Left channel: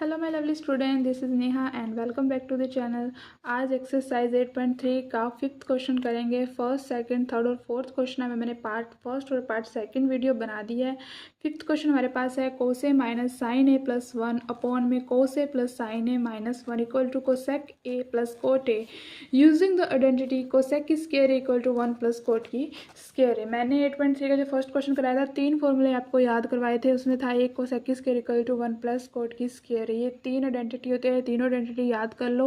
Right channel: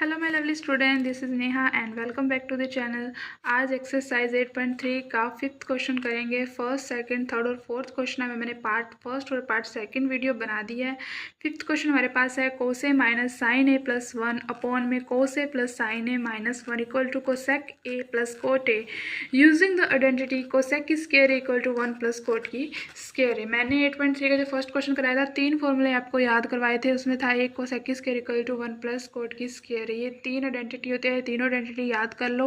Hello my lovely student, this is Neha and welcome back to the channel. आज exercise 8.3 का 5th question करेंगे। First, second, third और fourth question में मैंने part first और part second video बना दी है। 5th क्वेश्चन हमारे पास है cos A minus sine A plus 1 upon में cos A plus sine A minus 1 equal to cosec A plus cot A using the identity cosec की square equal to 1 plus cot की square है। मैंने 8.3 का जो फर्स्ट क्वेश्चन कराया था 3 फॉर्मूले आपको याद करवाए थे। उसमें था एक कोसेक की square equal to 1 plus cot की स्क्वायर। ये 3 आइडेंटिटी होते हैं, तीनों आइडेंटिटी याद कर लो।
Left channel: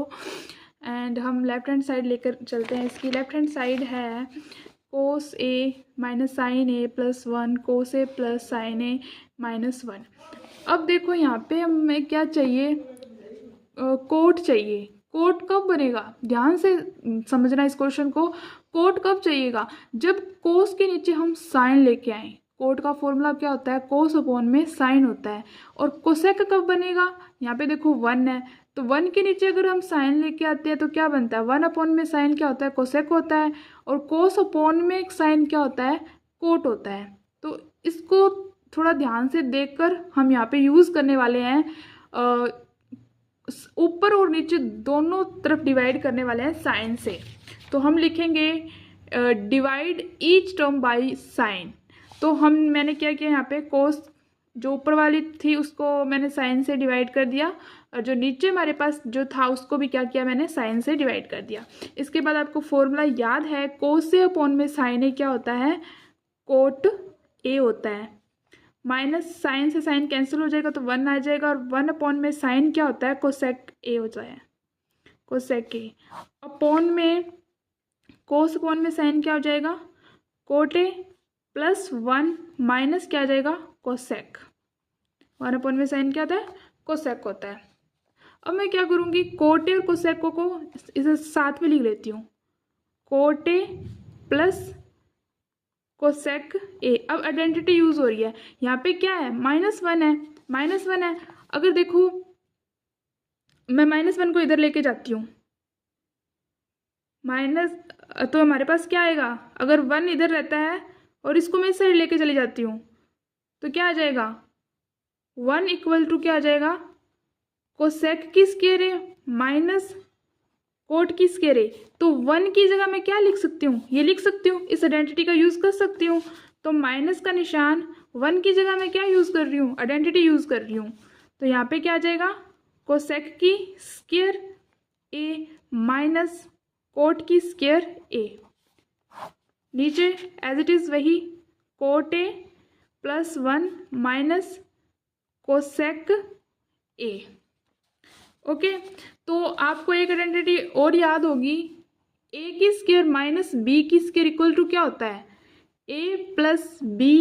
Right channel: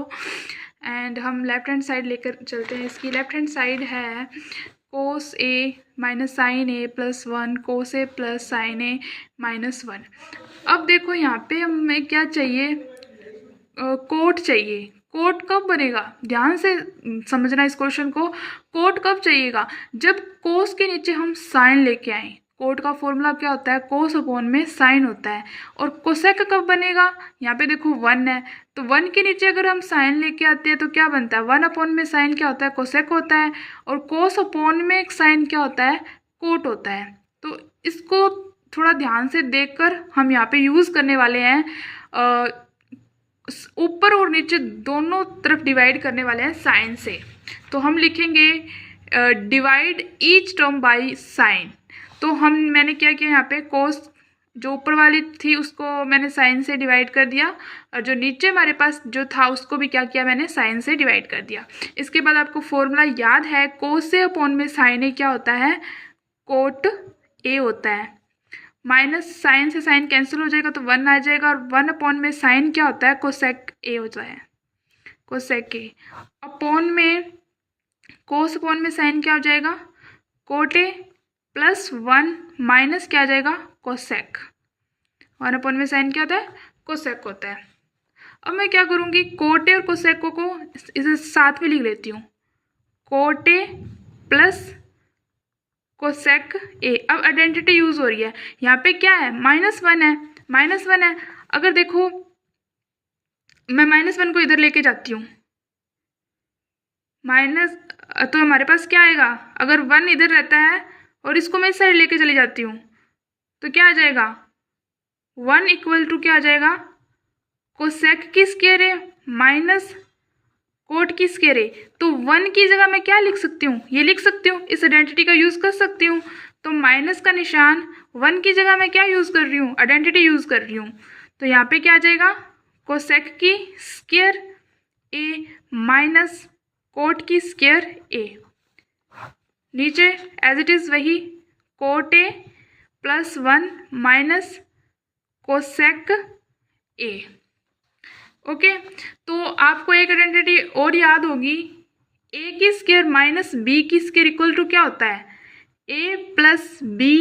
एंड हम लेफ्ट हैंड साइड लेकर चलते हैं। इसकी लेफ्ट हैंड साइड है cos A minus sine A plus 1 cos A plus sine A minus 1। अब देखो यहाँ पे हमें क्या चाहिए, कोट चाहिए। कोट कब बनेगा, ध्यान से समझना इस क्वेश्चन को। कोट कब चाहिएगा, जब कोस के नीचे हम साइन लेके आए। कोट का फॉर्मूला क्या होता है, कोस अपॉन में साइन होता है। और कोसेक कब बनेगा, यहाँ पे देखो 1 है, तो 1 के नीचे अगर हम साइन लेके आते हैं तो क्या बनता है, 1 अपॉन में साइन क्या होता है, कोसेक होता है। और कोस अपॉन में एक साइन क्या होता है, कोट होता है। तो इसको थोड़ा ध्यान से देखकर हम यहाँ पे यूज़ करने वाले हैं। ऊपर और नीचे दोनों तरफ डिवाइड करने वाले हैं साइन से। तो हम लिखेंगे divide each term by sine. तो मैंने क्या किया, यहाँ पे कोस जो ऊपर वाली थी उसको मैंने साइन से डिवाइड कर दिया, और जो नीचे हमारे पास जो था उसको भी क्या किया, मैंने साइन से डिवाइड कर दिया। इसके बाद आपको फॉर्मूला याद है, कोस से अपॉन में साइन ए क्या होता है, कोट ए होता है। माइनस साइन से साइन कैंसिल हो जाएगा तो 1 आ जाएगा, और 1 अपॉन में साइन क्या होता है, कोसेक ए होता है, कोसेक ए। अपॉन में कोस अपॉन में साइन क्या हो जाएगा, कोट ए प्लस 1 माइनस क्या आ जाएगा, कोसेक। 1 अपॉन में साइन क्या होता है, कोसेक होता है। अब मैं क्या करूँगी, कोट ए और कोसेक को इसे साथ में लिख लेती हूँ, कोट ए प्लस कोसेक ए। अब आइडेंटिटी यूज हो रही है, यहाँ पे क्या है, -1 है, -1 है। अगर देखो मैं -1 को इधर लेके जाती हूँ, माइनस, तो हमारे पास क्या आएगा, अगर 1 इधर रहता है और इसको मैं इस साइड लेके चली जाती हूँ तो क्या आ जाएगा, 1 इक्वल टू क्या आ जाएगा, कोसेक की स्क्वायर है माइनस कोट की स्क्वायर है। तो 1 की जगह मैं क्या लिख सकती हूँ, ये लिख सकती हूँ, इस आइडेंटिटी का यूज़ कर सकती हूँ। तो माइनस का निशान 1 की जगह मैं क्या यूज़ कर रही हूँ, आइडेंटिटी यूज़ कर रही हूँ। तो यहाँ पे क्या आ जाएगा, कोसेक की स्क्वायर ए माइनस कोट की स्क्वायर ए। नीचे एज इट इज़ वही, cot A plus 1 minus cosec A. Okay, तो आपको एक आइडेंटिटी और याद होगी, ए की स्क्वायर माइनस बी की स्क्वायर इक्वल टू क्या होता है, A plus B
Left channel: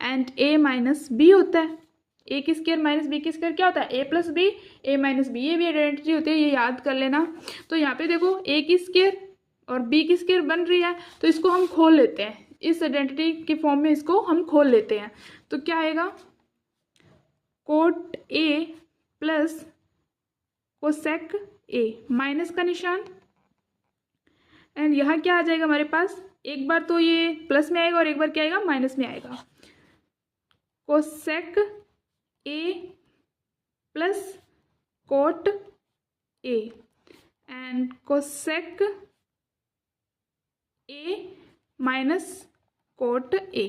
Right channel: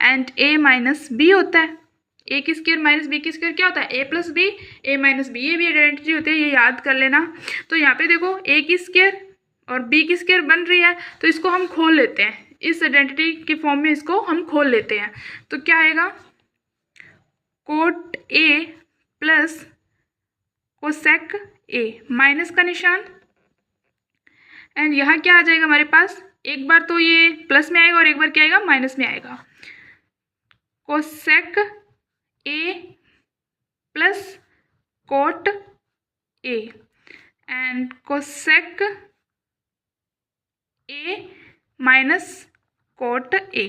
and A minus B होता है। ए की स्क्वायर माइनस बी की स्क्वायर क्या होता है, A plus B A minus B. ये भी आइडेंटिटी होती है, ये याद कर लेना। तो यहाँ पे देखो ए की स्क्वायर और बी की स्क्वायर बन रही है, तो इसको हम खोल लेते हैं, इस आइडेंटिटी के फॉर्म में इसको हम खोल लेते हैं। तो क्या आएगा, coat A plus cosec A, minus का निशान, एंड यहाँ क्या आ जाएगा हमारे पास, एक बार तो ये प्लस में आएगा और एक बार क्या आएगा, माइनस में आएगा। Cosec A plus cot A and cosec A minus coat A,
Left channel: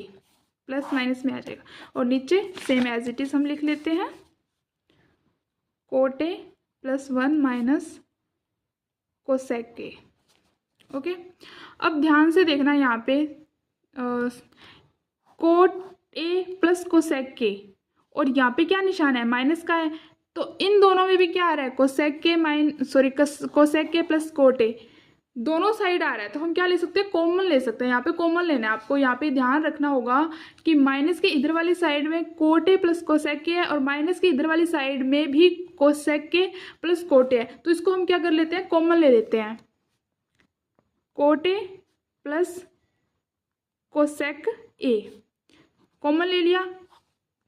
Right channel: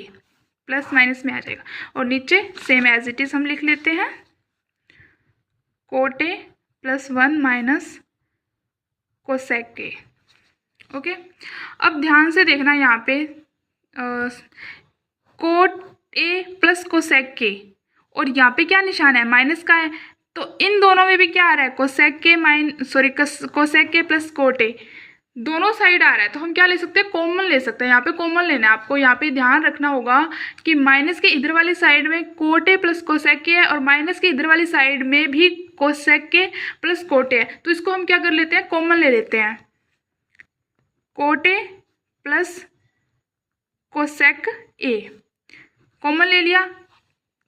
plus minus में आ जाएगा। और नीचे सेम एज इट इज हम लिख लेते हैं, coat A plus 1 minus cosec A. Okay, अब ध्यान से देखना, यहाँ पे कोट ए प्लस कोसेक के, और यहाँ पे क्या निशान है, माइनस का है। तो इन दोनों में भी क्या आ रहा है, कोसेक के कोसेक के प्लस कोट ए, दोनों साइड आ रहा है। तो हम क्या ले सकते हैं, कॉमन ले सकते हैं। यहाँ पे कॉमन लेना है आपको। यहाँ पे ध्यान रखना होगा कि माइनस के इधर वाली साइड में कोट ए प्लस कोसेक के है, और माइनस के इधर वाली साइड में भी कोसेक के प्लस कोट ए है। तो इसको हम क्या कर लेते हैं, कॉमन ले लेते हैं, coat A plus cosec A common ले लिया।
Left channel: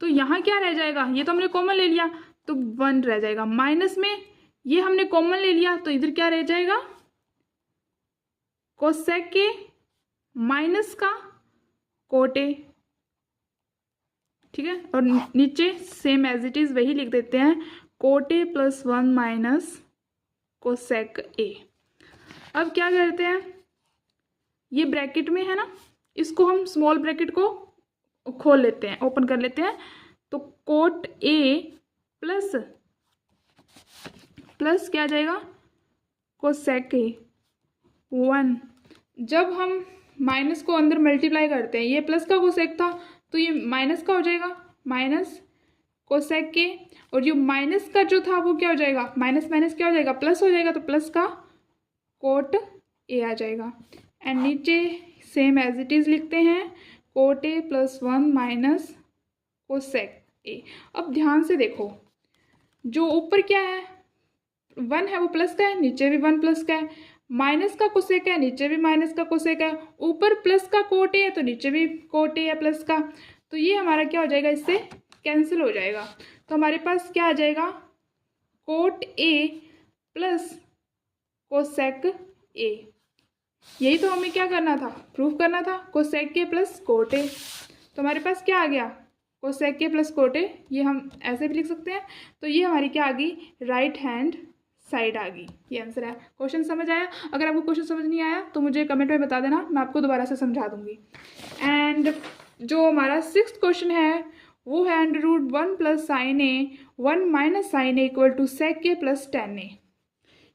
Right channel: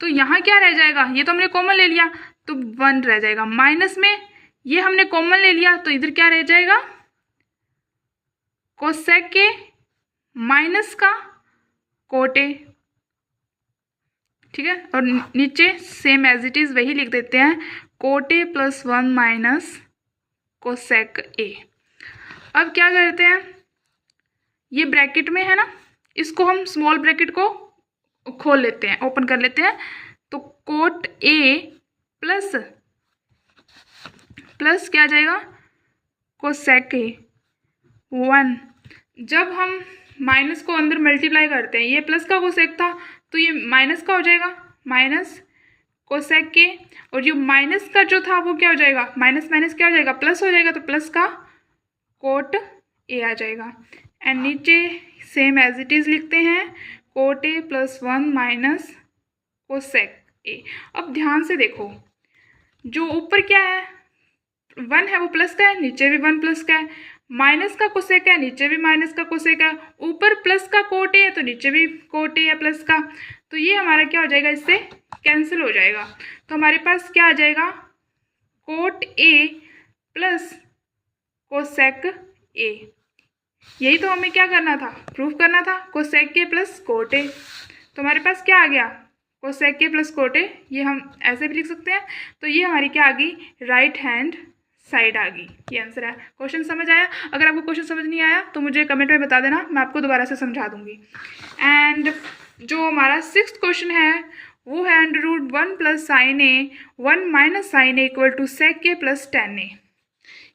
तो यहाँ क्या रह जाएगा, ये तो हमने कॉमन ले लिया तो 1 रह जाएगा, माइनस में ये हमने कॉमन ले लिया तो इधर क्या रह जाएगा, कोसेक के माइनस का कोट ए। ठीक है, और नीचे सेम एज इट इज़ वही लिख देते हैं, coat A plus 1 minus cosec ए। अब क्या करते हैं, ये ब्रैकेट में है ना, इसको हम स्मॉल ब्रैकेट को खोल लेते हैं, ओपन कर लेते हैं। तो कोट ए प्लस प्लस क्या आ जाएगा, कोसेक ए 1। जब हम माइनस को अंदर मल्टीप्लाई करते हैं, ये प्लस का कोसेक था तो ये माइनस का हो जाएगा, माइनस कोसेक के, और जो माइनस का जो था वो क्या हो जाएगा, माइनस माइनस क्या हो जाएगा, प्लस हो जाएगा, तो प्लस का कोट ए आ जाएगा। एंड नीचे सेम एज इट इज़ लिखते हैं, coat A plus 1 minus cosec ए। अब ध्यान से देखो, जो ऊपर क्या है 1 है वो प्लस का है, नीचे भी 1 प्लस का है, माइनस का कोसेक है, नीचे भी माइनस का कोसेक है, ऊपर प्लस का कोट ए है तो नीचे भी कोट ए है प्लस का। तो ये हमारा क्या हो जाएगा, इससे कैंसिल हो जाएगा। तो हमारे पास क्या आ जाएगा, कोट ए प्लस कोसेक ए। यही तो हमें क्या करना था, प्रूफ करना था, कोसेक ए प्लस कोट ए। तो हमारे पास क्या आ गया, कोसेक ए प्लस कोट ए। ये हम ऐसे भी लिख सकते हैं। तो ये हमारी क्या आ गई, राइट हैंड साइड आ गई। ये आंसर है। क्वेश्चन समझ आया? अगर आपको क्वेश्चन समझ नहीं आया तो मुझे कमेंट में बता देना, मैं आपको दोबारा से समझा दूंगी। एंड जो हमारा 6th क्वेश्चन है वो है under root 1 plus sine A 1 minus sine A equal to sec A plus tan A.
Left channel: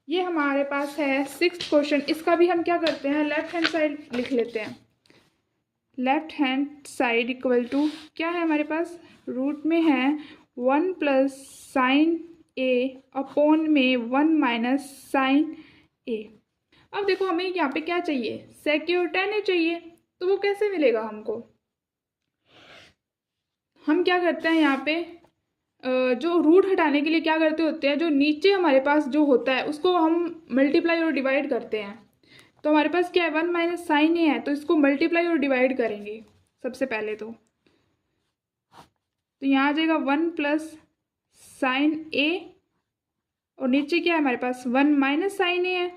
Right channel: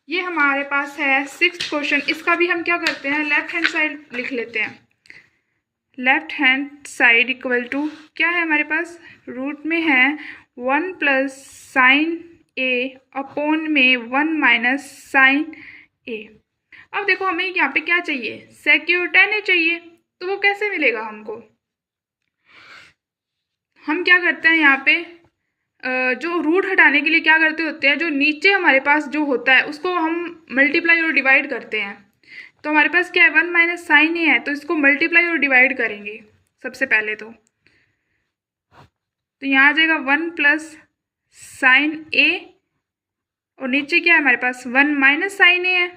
ये हमारे पास है 6th क्वेश्चन। इसका भी हम क्या करते हैं, लेफ्ट हैंड साइड लिख लेते हैं। Left hand side equal to क्या है हमारे पास, रूट में है 1 प्लस साइन ए अपॉन में 1 माइनस साइन ए। अब देखो हमें यहाँ पे क्या चाहिए, सेक ए और टेन ए चाहिए। तो वो कैसे मिलेगा हमको, हम क्या करते हैं यहाँ पे, जो रूट हटाने के लिए क्या करते होते हैं, जो नीचे हमारे पास जो होता है उसको हम मल्टीप्लाई और डिवाइड करते हैं। तो हमारे पास क्या है, 1 माइनस साइन ए है, तो इसको मल्टीप्लाई और डिवाइड करेंगे सबसे पहले। तो यहाँ आ जाएगा 1 प्लस साइन ए, और नीचे क्या है हमारे पास 1 माइनस साइन ए है,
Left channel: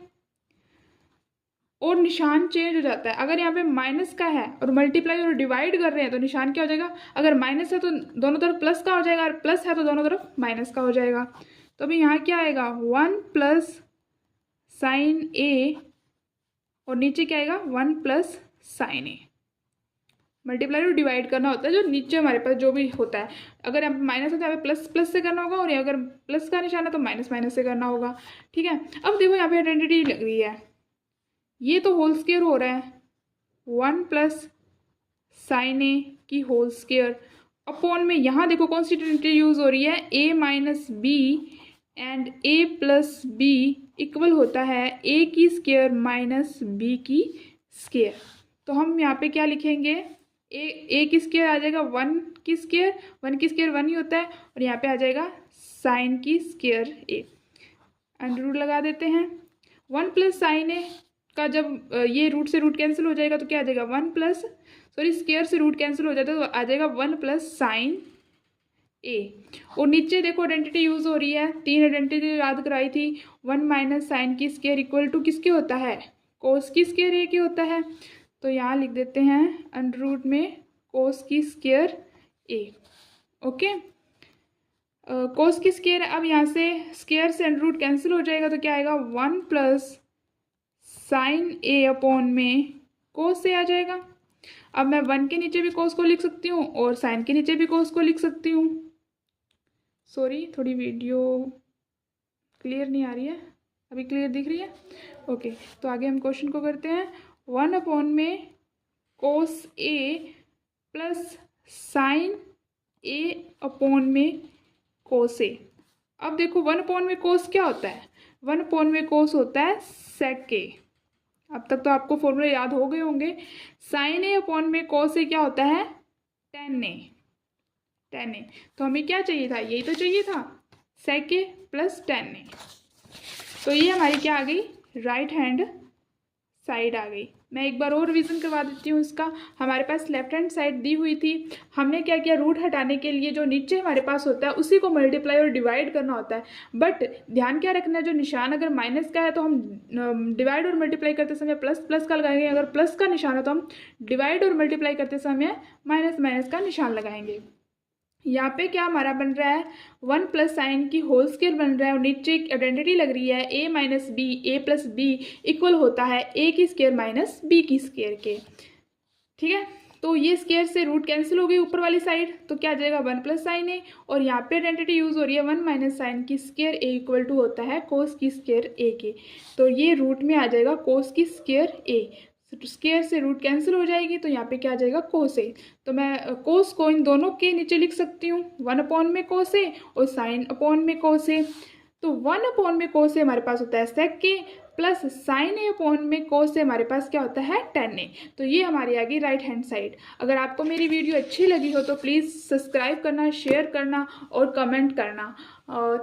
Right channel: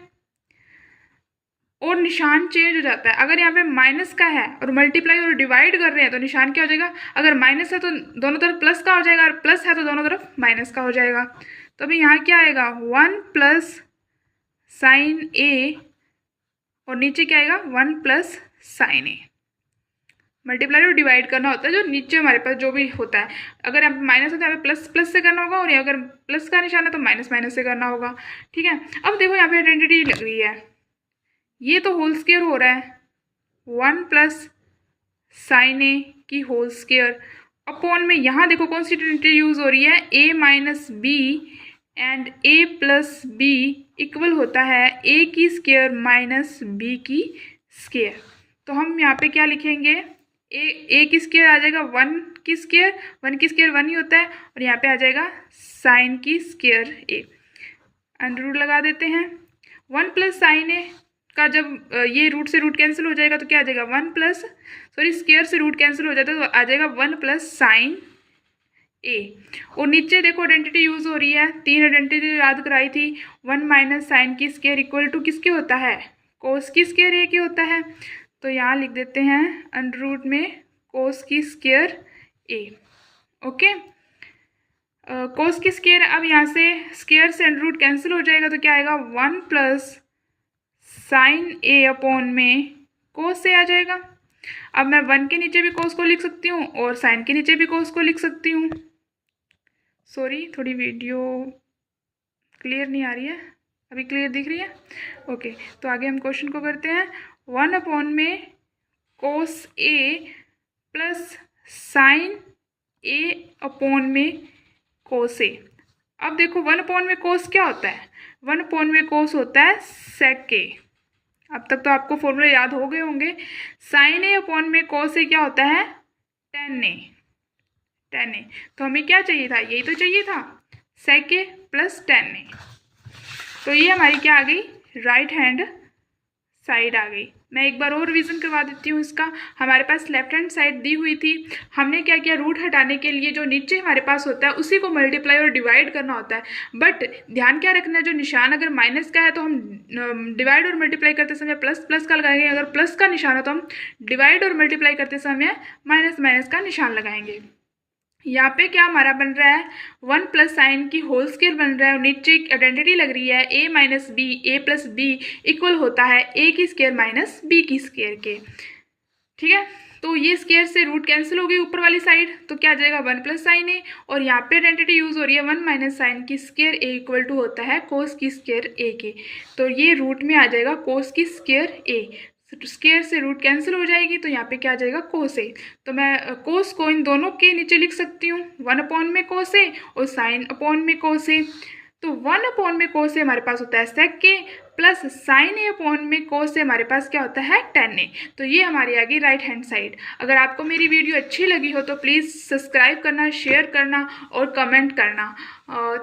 और निशान चेंज हो जाता है। अगर यहाँ पे माइनस का है और मल्टीप्लाई और डिवाइड कर रहे हैं तो निशान क्या हो जाएगा, अगर माइनस है तो दोनों तरफ प्लस का हो जाएगा, और प्लस है तो दोनों तरफ माइनस का हो जाएगा। तो अभी यहाँ क्या आएगा, 1 प्लस साइन ए, और नीचे क्या आएगा 1 प्लस साइन ए। मल्टीप्लाई और डिवाइड करना होता है जो नीचे हमारे पास जो भी होता है। अगर यहाँ पे माइनस है तो यहाँ पे प्लस प्लस से करना होगा, और अगर प्लस का निशान है तो माइनस माइनस से करना होगा। ठीक है, अब देखो यहाँ पे आइडेंटिटी लग रही है, ये तो होल स्क्वायर हो रहा है, 1 प्लस साइन ए की होल स्क्वायर अपॉन में, यहाँ देखो कौन सी आइडेंटिटी यूज़ हो रही है, A minus B and A plus B equal होता है ए की स्क्वायर माइनस बी की स्क्वायर। तो हम यहाँ पे क्या लिखेंगे, ए की स्क्वायर आ जाएगा 1 की स्क्वायर, 1 की स्क्वायर 1 ही होता है, और यहाँ पे आ जाएगा साइन की स्क्वायर ए। अंडर रूट लगा देते हैं, 1 प्लस साइन ए का जब ये रूट से रूट कैंसिल हो जाएगा तो क्या आ जाएगा, 1 प्लस स्क्वायर से रूट कैंसिल हो जाता है तो आ जाएगा 1 प्लस साइन ए। और नीचे देखो आइडेंटिटी यूज़ हो रही है, 3 आइडेंटिटी याद कराई थी, 1 माइनस साइन की स्क्वायर इक्वल टू किसके होता है, कोस की स्क्वायर ए की होता है। तो यहाँ लिख देते हैं अंडर रूट में कोस की स्क्वायर ए। ओके, कोस की स्क्वायर, अब यहाँ से स्क्वायर से अंडर रूट कैंसिल हो जाएगा तो क्या आएगा, 1 प्लस साइन ए अपॉन में कोस से आ जाएगा। अब मैं 1 के नीचे भी कोस को लिख सकती हूँ और साइन के नीचे भी कोस को लिख सकती हूँ। सॉरी, थोड़ी वीडियो क्लियर नहीं आ रही है, अभी क्लियर दिख रही है? ओके, तो आगे हम क्वेश्चन को करते हैं। 1 अपॉन में cos A plus sine A upon में कोस ए। अब देखो 1 अपॉन में कोस क्या होता है, 1 अपॉन में कोस होता है सेक ए। अब तक तो आपको फॉर्मूले याद हो गए होंगे। साइन ए अपॉन में कोस ए क्या होता है, टेन ए। तो हमें क्या चाहिए था, यही तो चाहिए था, सेक ए प्लस टेन ए। तो ये हमारी क्या आ गई, राइट हैंड साइड आ गई। मैं एक बार और रिवीजन करवा देती हूँ इसका। हमारे पास लेफ्ट हैंड साइड दी हुई थी, हमने क्या किया, रूट हटाने के लिए जो नीचे हमारे पास होता है उसी को मल्टीप्लाई और डिवाइड करना होता है। बट ध्यान क्या रखना है, जो निशान अगर माइनस का है तो हम डिवाइड और मल्टीप्लाई करते समय प्लस प्लस का लगाएंगे, अगर प्लस का निशान है तो हम डिवाइड और मल्टीप्लाई करते समय माइनस माइनस का निशान लगाएंगे। यहाँ पे क्या हमारा बन रहा है, 1 प्लस साइन की होल स्क्वायर बन रहा है और नीचे एक आइडेंटिटी लग रही है a minus B, a plus B equal होता है a की स्क्वायर माइनस b की स्क्वायर के। ठीक है, तो ये स्क्वायर से रूट कैंसिल हो गई ऊपर वाली साइड, तो क्या आ जाएगा 1 प्लस साइन ए, और यहाँ पे आइडेंटिटी यूज़ हो रही है 1 माइनस साइन की स्क्वायर ए इक्वल टू होता है कोस की स्क्वायर ए के। तो ये रूट में आ जाएगा कोस की स्क्वायर ए, स्क्वायर से रूट कैंसिल हो जाएगी, तो यहाँ पे क्या आ जाएगा कोस ए। तो मैं कोस को इन दोनों के नीचे लिख सकती हूँ, 1 अपॉन में कोस ए और साइन अपॉन में कोस ए। तो 1 अपॉन में कोस ए हमारे पास होता है सेक के, प्लस साइन ए अपॉन में कोस से हमारे पास क्या होता है tan ए। तो ये हमारी आ गई राइट हैंड साइड। अगर आपको मेरी वीडियो अच्छी लगी हो तो प्लीज़ सब्सक्राइब करना, शेयर करना और कमेंट करना।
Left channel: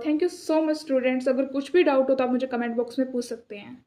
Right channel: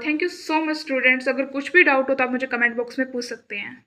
Thank you so much students. अगर कुछ भी डाउट हो तो आप मुझे कमेंट बॉक्स में पूछ सकते हैं।